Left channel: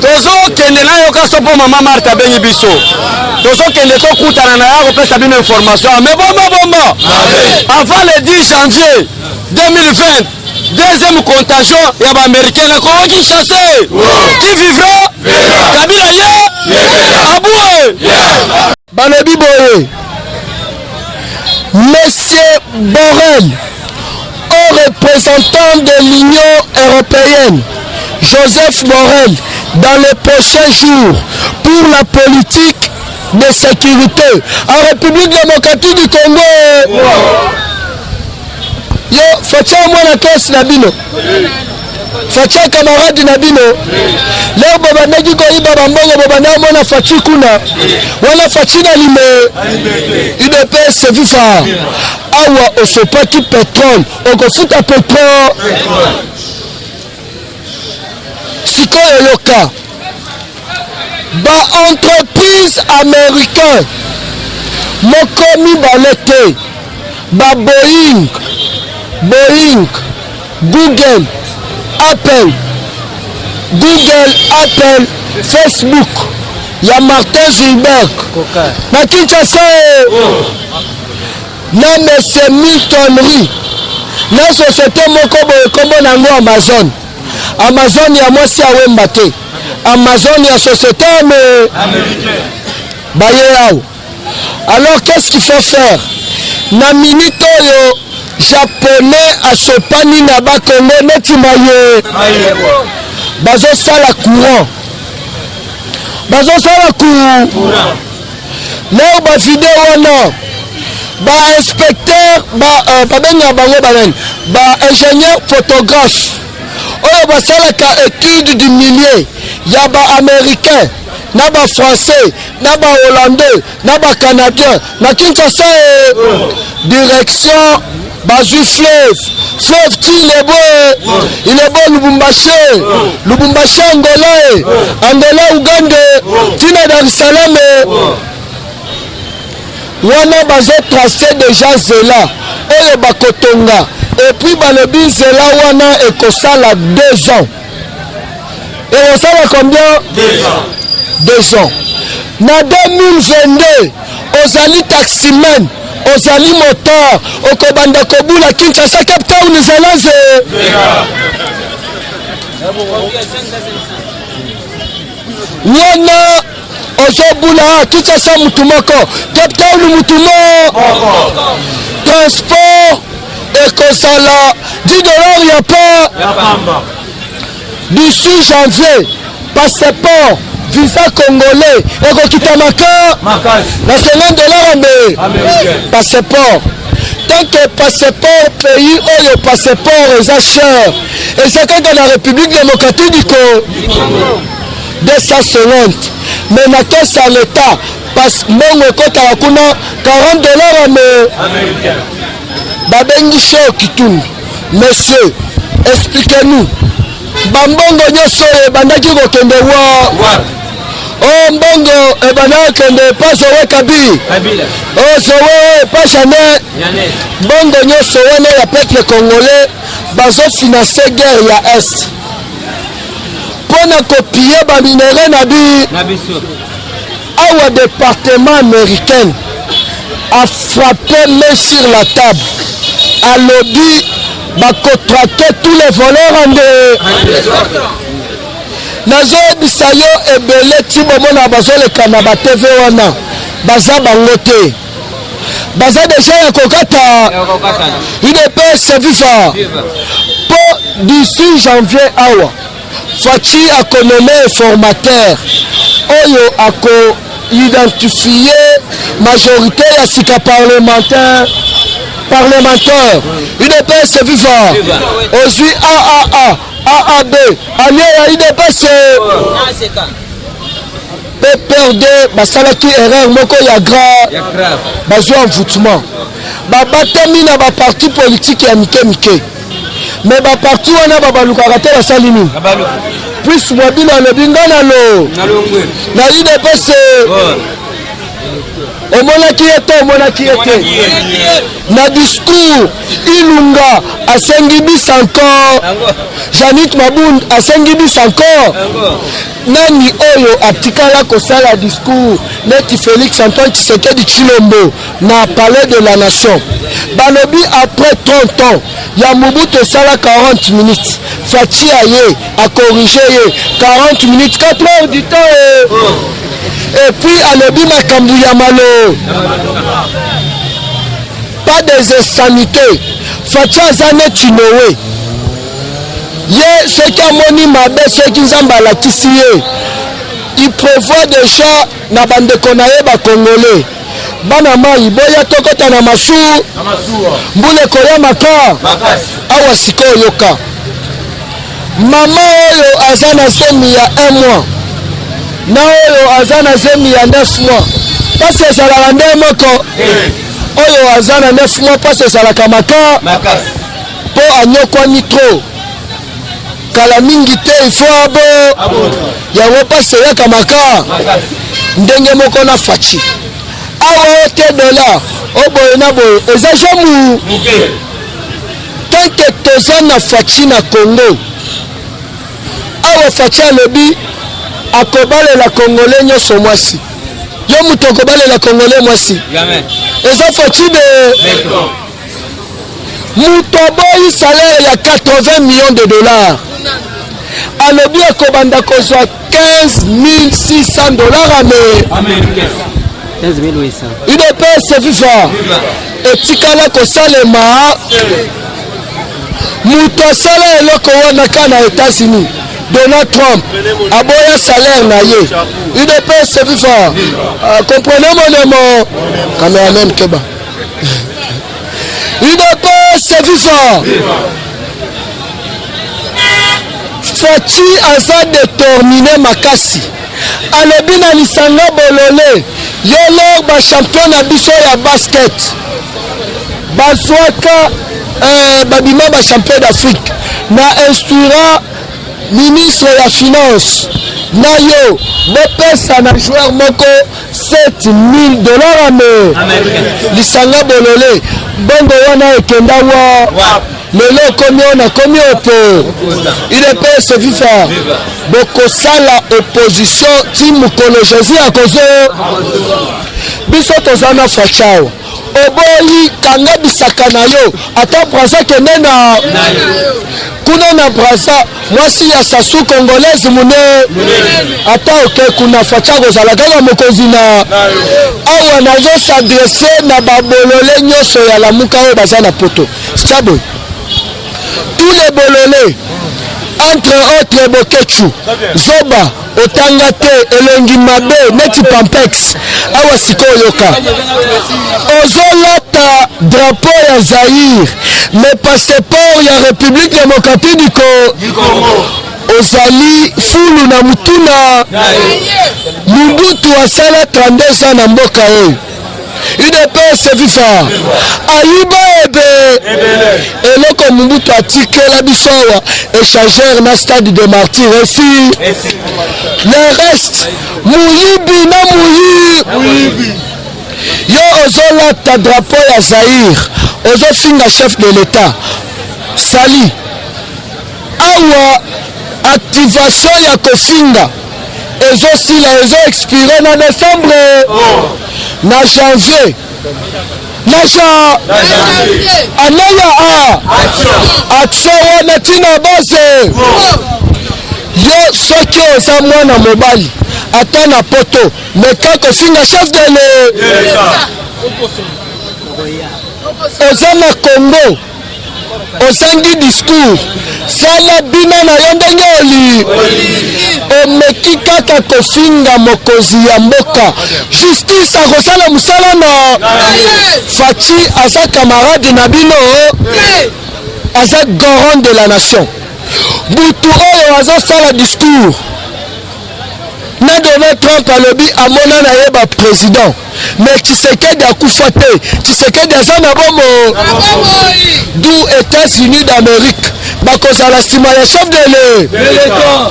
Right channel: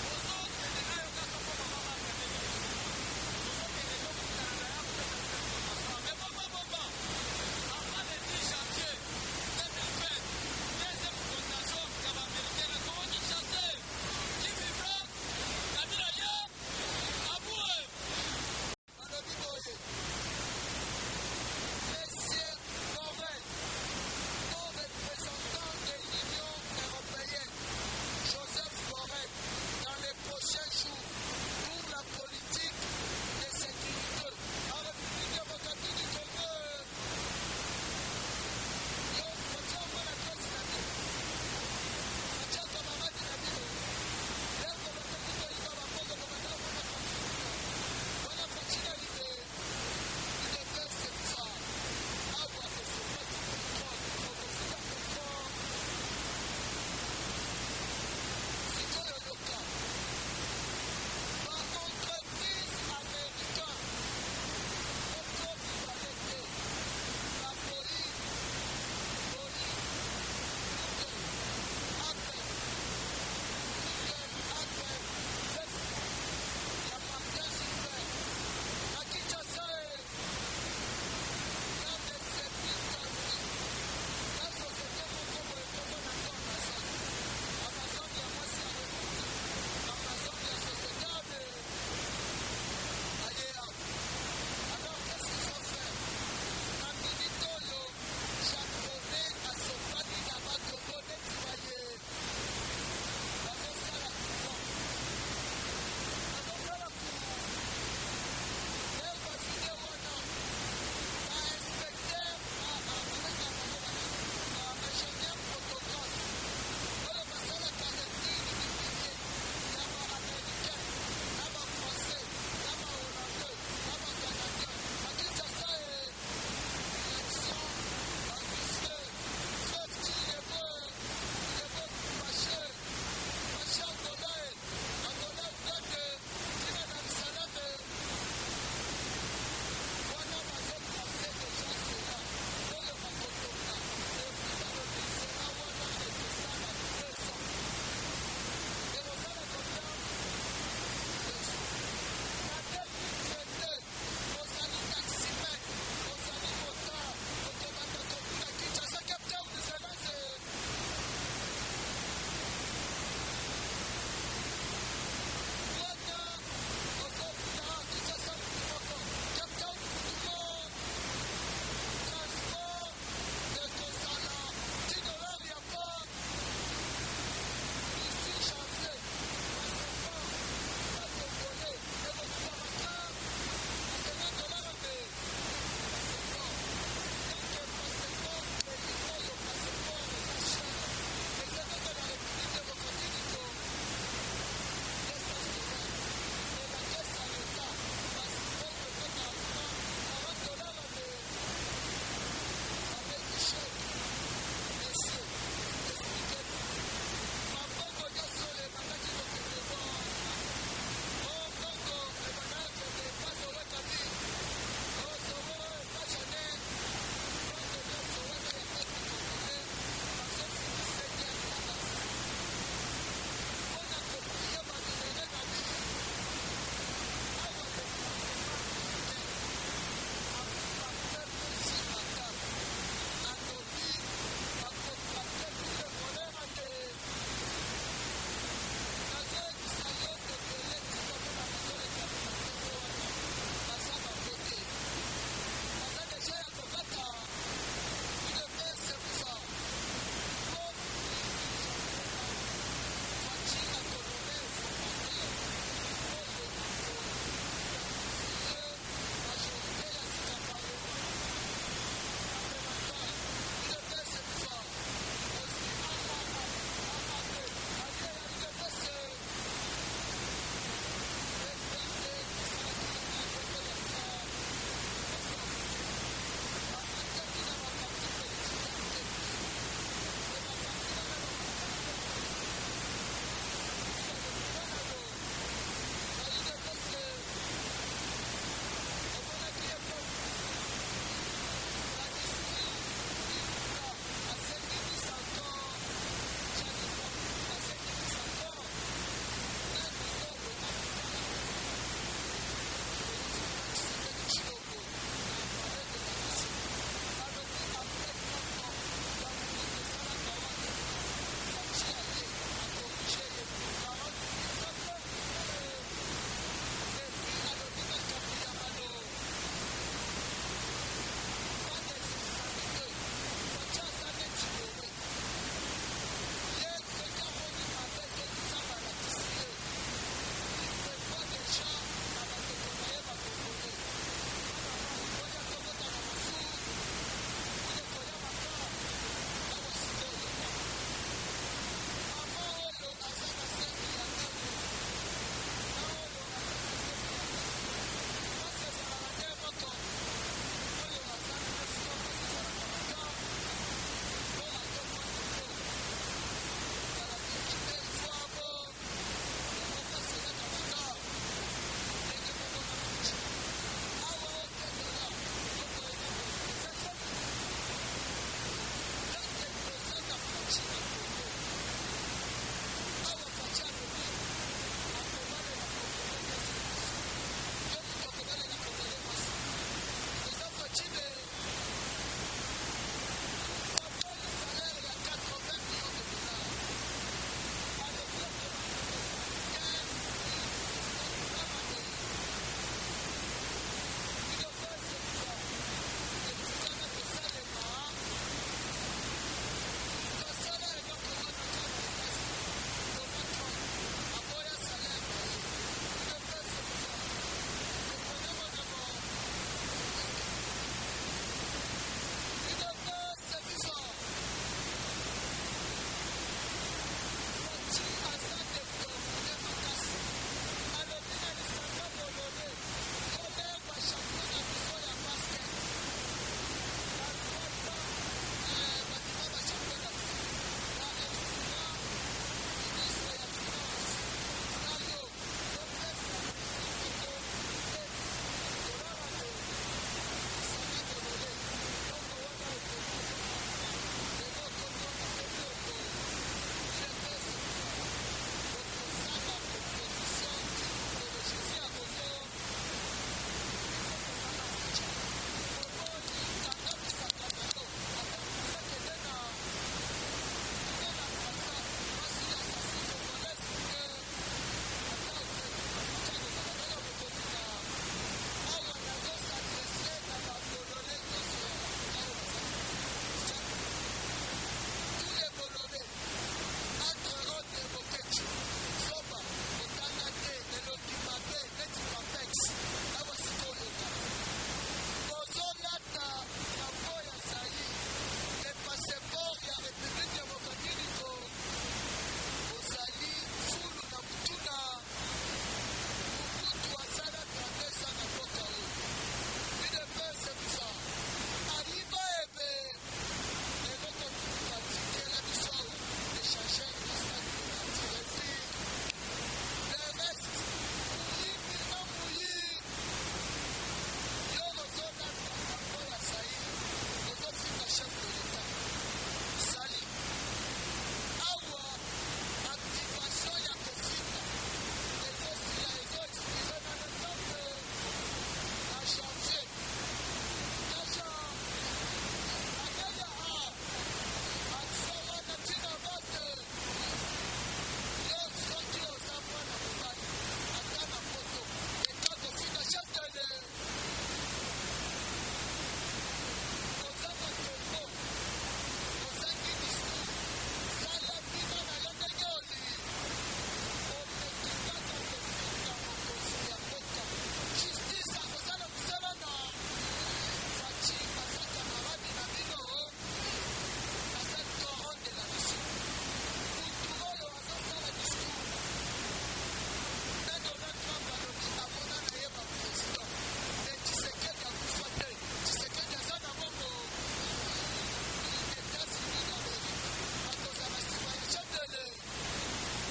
Tozo kende na yo ka sopo mama Martha bengi biso. Tozo kende to kutana na yako pesa bino information. Mais bon. Avant le 10 janvier 2020, deuxième contagion ya ba américain na Congo chassé. Qui vivra? Kabila ye. Aboué. Balobi boye. Monsieur Borrell, au représentant de l'Union européenne, Joseph Borrell, dans les prochains jours, pour la politique de sécurité en République démocratique du Congo. Yo, Fatia moi la classe Nabino. Fatia camarade Nabino. Là, Baba Nagi Koi Baba Mbongo Baba Namona Fatia Kuna. Wala Fatia Lime. UDPS c'est vifa. Awa osopaki pétrole. On fout à pétrole. Siko Yoka. Ba entreprise américaine. Mokomi Balete. Ba Boeing, Google, Apple, Facebook, il y a Martin Zuckerberg. Na Kinshasa, na monsieur Milton Ri, na société moko boye nango Amazon. Amazon ya mwasi awemba te. Amazon ya société américaine. Baye. Alors qu'est-ce qu'il faut faire? Na minute yo japonais à sopani na ba Congo neti maye bazo sala courant leo ba vidéo wana ba inspecteur ba benga bango ba ingénieur photographe oyo ba sala ka étude du milieu ya ba américain na ba français na ba hollandais na ba canadien na Kinshasa direction Bazu fleuve il est beau Lubumbashi Angola Uganda Tina Dar es Salaam wana bazo tracé déjà Zela oyo bakotonga et puis balobi Zela wana ekosala 2 ans et on sala combien 2 ans na 2022 ozali taximan ozali moteur okobanda kobula Kinshasa Cape Town zelaze wana ozobula Kinshasa mutumoko Cape Town mutumo transport ekosala $10 ya pas d'ici janvier passeport visa congolais et Kitamaka la $50 passeport tant que passeport pays ou le passeport est cher et c'est quand dans la République démocratique du Congo 250 mais na caisse à l'état passe mon côté à kuna $40 américain babengi show kitundu monsieur expliquez-nous bambongo nyoso bandaki kokende wa oh mbongo ebana kende pas owe Kabila oh sowe pas Chanel mbongo nyoso wana ya peuple congolais bazo financer guerre ya est pona copier ba minéraux na biso awa département américain a frappé main sur la table a lobby va contracter tous les voleurs en deux. Nazo bisayo ebele tibomona bazo le kanaba TV wana baza bangote baza déjà ya kokata UDPS viva pour d'ici janvier awa Fachi a connommé formateur oyo ako identifier majorité ya sika parlementaire UDPS viva aujourd'hui AAB allié à UDPS PPRD basalaki erreur moko ya grave bazwa envoûtement babatami na ba parti politique ya mike mais ba parti wana babalukaka te basali nini plus mobile le bingana lo na UDPS omonaki ete na discours Ilunga asengi bis encore Janit Mabund asengi bis encore nani oyo atikala kosala discours neti Félix Antoine Tshisekedi Tshilombo na palais de la nation balobi après 30 ans ya Mobutu sala 40 minutes Fachi aye a corrigé 40 minutes 4 heures du temps et puis alobi makambu ya malo pas des insanités Fachi azane Tinoé ye soki amoni mabe soki nzambe alakisi ye il prévoit déjà na bandeko na ye bakongole bana mai boya tokota na masu mbule koya maka awa sikoyo yoka mama oyo aza na semi ya 1 mois na oyo aza na semi ya 9 mois pasi ezalaka nde moko oyo aza na 9 mois pasi ezalaka maka mpo anyokwani tro kala mingi te ifo abo yango pasi eyaka maka ndenge moko na Fachi awa ote dola oboye na boye eza jamu tanke toza na Fachi na Congo awa Fachi alobi akobalela Congolais nyonso mwasi yo mutu akobalela Congolais mwasi eza Fachi de mutu aboyi salaire ya 80 millions de dollars alobi akobanda kozwa 15 600 dollars américains 15 800 UDPS FIFA etikala kosalema mutu asala eloko wana ka na États-Unis Donald Trump aboya salaire na ye UDPS FIFA comprenez mon nom cameraman keba UDPS FIFA Fachi aza déterminé makasi alobi na lisanga bolole yolo ba champion na biso ya basket bazwaka babima ba champion d'Afrique na instruira ministre ya finance na yo bopesa na joueur moko 7000 dollars américains lisanga bolole bongo wana ekenda wa lelo komi ona komi ote UDPS FIFA bokosala opposition ti mokolo Jésus akozo biso tozana Fachao oboyi kanga bisaka na yo ata Braza kende na kuna na Braza mwasi ya sasu congolaise mune ata oke kuna Fachao kozala kaka mokonzi na awa nazo s'adresser na babolole nyonso ya lamuka oyo baza na poto Chabo tous les bololés entre autres Bokechu Zoba Otangate Elongi Mabe Neti Pampex awa sikoyo yoka ozolata drapeau ya Zaïre mais passeport ya République démocratique du Congo ozali fulu na mutuna Mobutu asala 32 ans na mboka oyo UDPS FIFA ayiba ebe eloko Mobutu atikela biso awa échangeur na stade de Martyr ici le reste muyibi na muyibi yo ozolata drapeau ya Zaïre ozofinga chef de l'État sali awa activation ya kofinga ezosila ezo expire na décembre na janvier anaya action wana tina base yo soki oza mwana mobali ata na poto meka kofinga chef de l'État oza na Congo ozangi discours sala bina na yo ndenge oli omeki kaka kofinga mokonzi ya mboka justice akosala mosala na Fachi aza camarade na bino aza garant de la nation butu oyo azosala discours na Donald Trump alobi amona na ye ba président mais Tshisekedi akufa te Tshisekedi aza na bomo d'où États-Unis d'Amérique bakozala nsima ya chef de l'État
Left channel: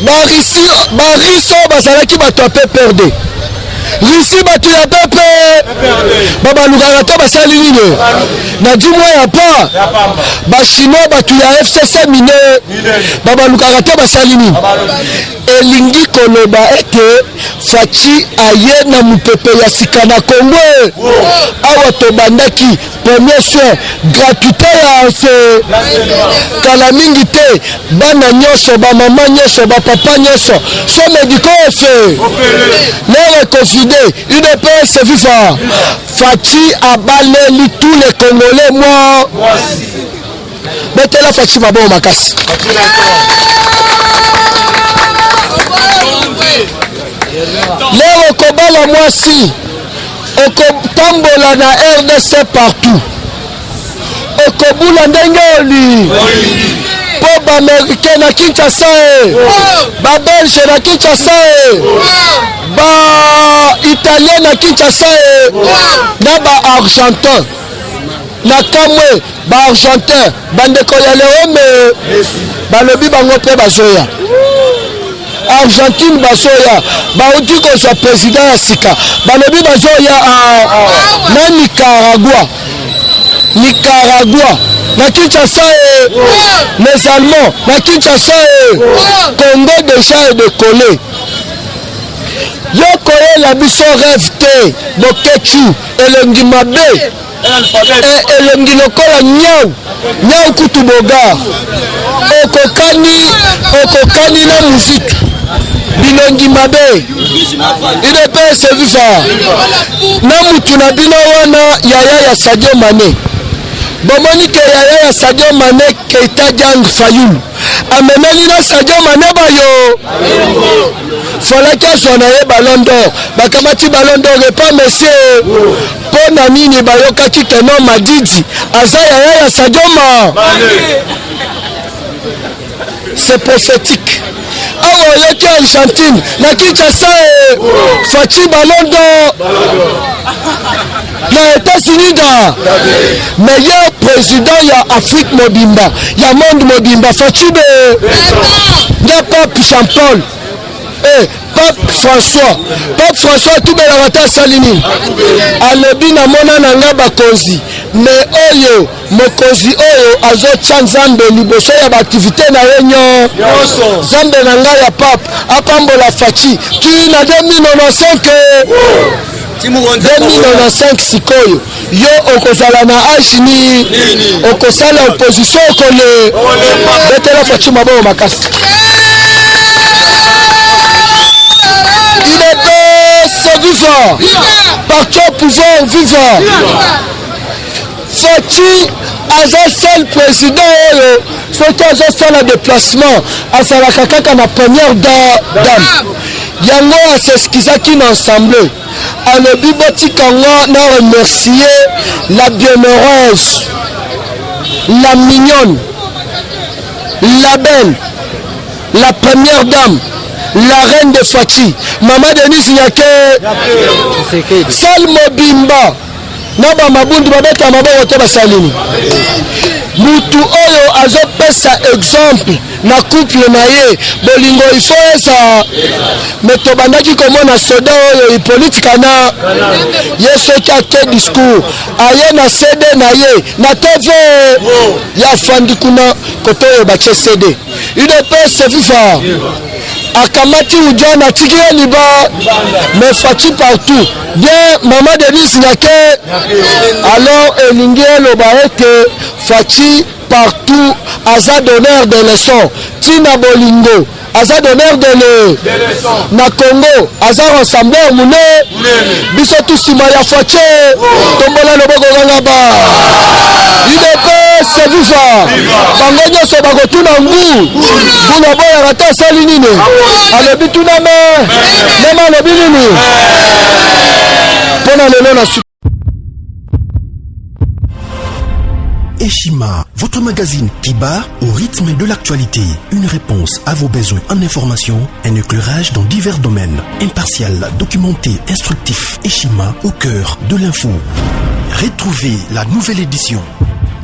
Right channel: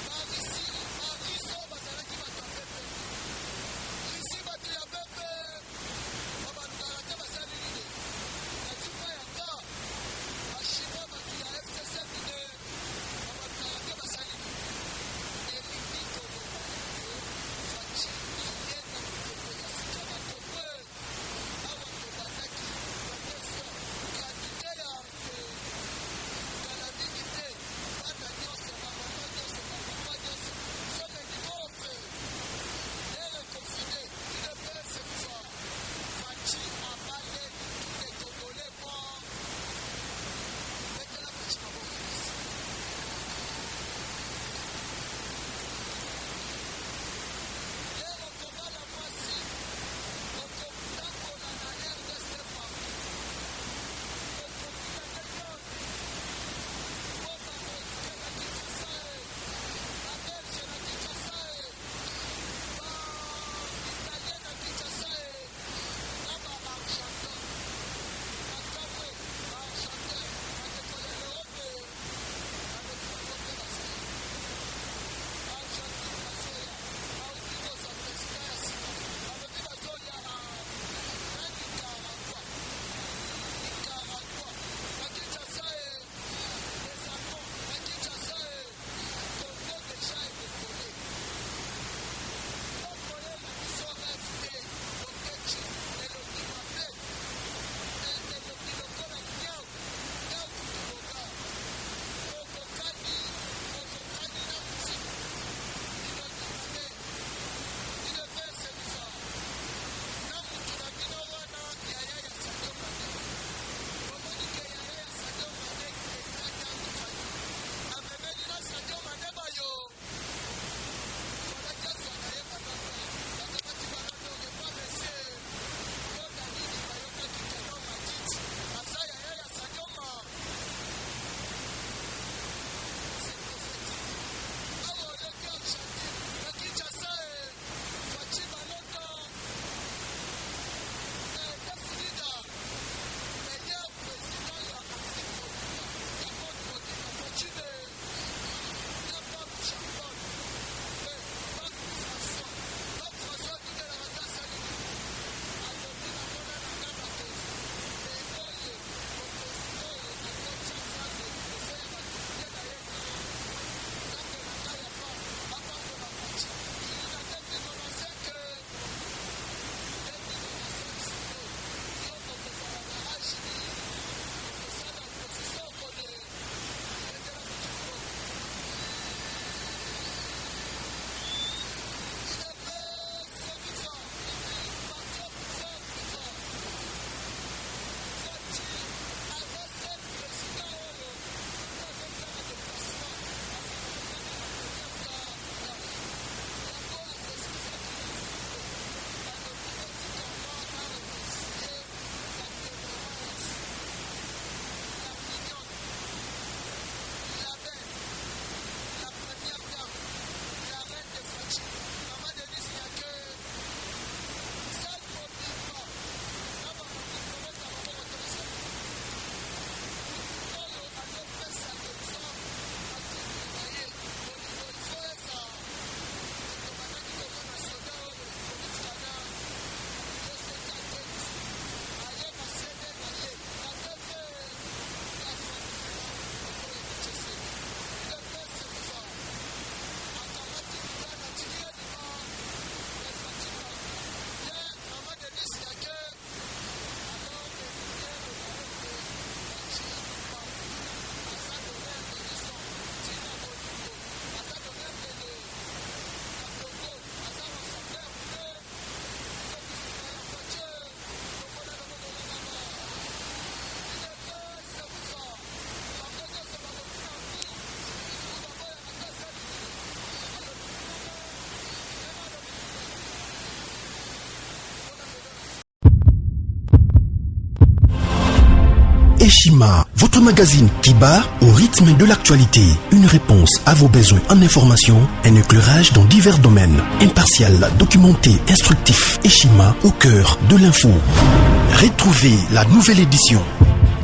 bariso bazalaki bato ape perde Russie batu ya pepe baba lukaka basali nini na dimwa ya pa ba chinois batu ya FCC mine baba lukaka basali nini elingi koloba ete Faci aye na mupepe ya sika na Congo awa tobandaki premier soin gratuité ya se kala mingi te bana nyonso ba mama nyonso ba papa nyonso so médico fait les reconsidé UDPS FIFA Faci a balayé tous les Congolais moi mettez la Faci mabo makasi leo kobala mwasi okotambola na RDC partout okobula ndenge oli po baamerikain na Kinshasa babelge na Kinshasa baitalien na Kinshasa na baargentin na kamwe baargentin bandeko ya leome balobi bango mpe bazoya Argentine basoya bauti kozwa président ya sika balobi bazoya na Nicaragua na Kinshasa les Allemands na Kinshasa Congo déjà est décollé yoko la biso rêve te bokechu elongi mabe elongi lokola nyau kutu bogar okokani na muziki bilongi mabe UDPS FIFA na mutu na bino wana yaya ya Sadio Mané bomoni ke yaya ya Sadio Mané Keita Diang Fayulu amemeli na Sadio Mané bayo falaki azwa na ye Ballon d'Or bakamati Ballon d'Or epa monsieur mpo na nini bayokaki keno Madidi aza yaya ya Sadio Mané c'est prophétique awa yoki Argentine na Kinshasa Faci Ballon d'Or na États-Unis da meilleur président ya Afrique mobimba ya monde mobimba Faci be ya Pape Jean-Paul Pape François tubela wata salini alobi na mona na nga bakonzi me oyo mokonzi oyo azotya nzambe liboso ya baaktivité na ye nzambe na nga ya Pape apambola Faci ki na 2095 sikoyo yo okozala na age ni okosala opposition okole betela Faci maboko makasi vivant, parti au pouvoir vivant. Faci un seul président, ce qui a fait le déplacement à Sarakaka na première dame. Yango a s'excusaki ensemble. À le biboti Kango n'a remercié la bienheureuse, la mignonne, la belle, la première dame. La reine de Faci, Maman Denise Nyake, Salmo Bimba, Naba Mabundu Babeta Mabo Oteba Salini. Mutu Oyo azopesa exemple na couple na ye, bolingo ifo esa, metobandaki komona soda oyo politika na yeso kake discours, aye na CD na ye, na TV ya fandi kuna koto oyo bache CD. UDPS FIFA. Akamati ujana tikiye liba mais Faci partout bien Maman Denise Nyake alors elingi eloba ete Faci partout aza donneur de leçons tina bolingo aza donneur de leçons na Congo aza rassembleur mune biso tusima ya Faci tombola loboko ganga ba UDPS FIFA bango nyonso bakotuna ngu buna boya rata sali nini alobi tuna mema alobi nini mpona lelo na Eshima, votre magazine qui bat au rythme de l'actualité. Une réponse à vos besoins en information, un éclairage dans divers domaines. Impartial, documenté, instructif. Eshima au cœur de l'info. Retrouvez la nouvelle édition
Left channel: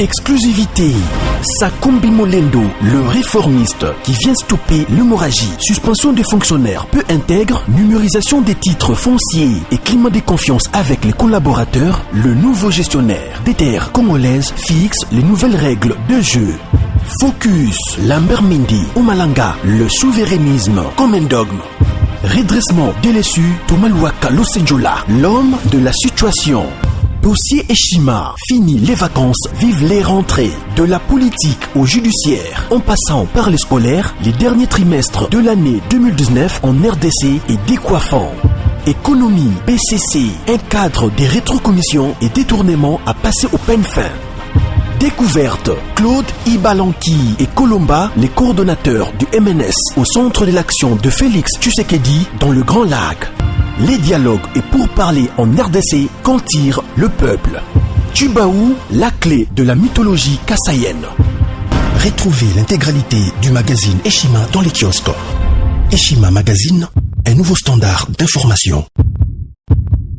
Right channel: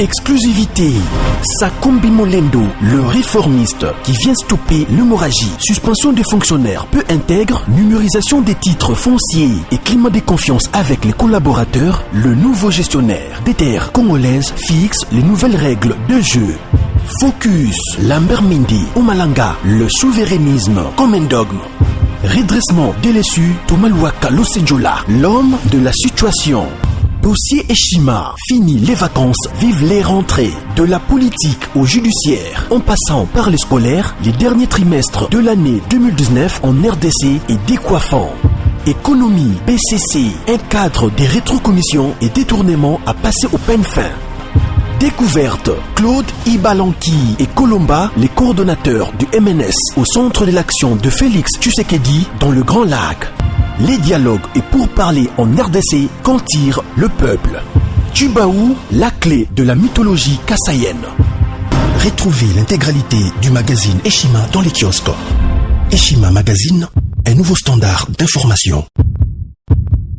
Exclusivité. Sakombi Molendo, le réformiste qui vient stopper l'hémorragie. Suspension des fonctionnaires peu intègre, numérisation des titres fonciers et climat de confiance avec les collaborateurs. Le nouveau gestionnaire des terres congolaises fixe les nouvelles règles de jeu. Focus. Lambert Mindi, Omalanga, le souverainisme comme un dogme. Redressement délaissé, Tomaluaka Losenjola, l'homme de la situation. Dossier Eshima, fini les vacances, vive les rentrées. De la politique au judiciaire, en passant par les scolaires, les derniers trimestres de l'année 2019 en RDC est décoiffant. Économie, BCC, un cadre des rétrocommissions et détournements à passer au peine fin. Découverte, Claude Ibalanki et Colomba, les coordonnateurs du MNS au centre de l'action de Félix Tshisekedi dans le Grand Lac. Les dialogues et pourparlers en RDC qu'en tire le peuple. Tubaou, la clé de la mythologie kassaïenne. Retrouvez l'intégralité du magazine Eshima dans les kiosques. Eshima Magazine, un nouveau standard d'information.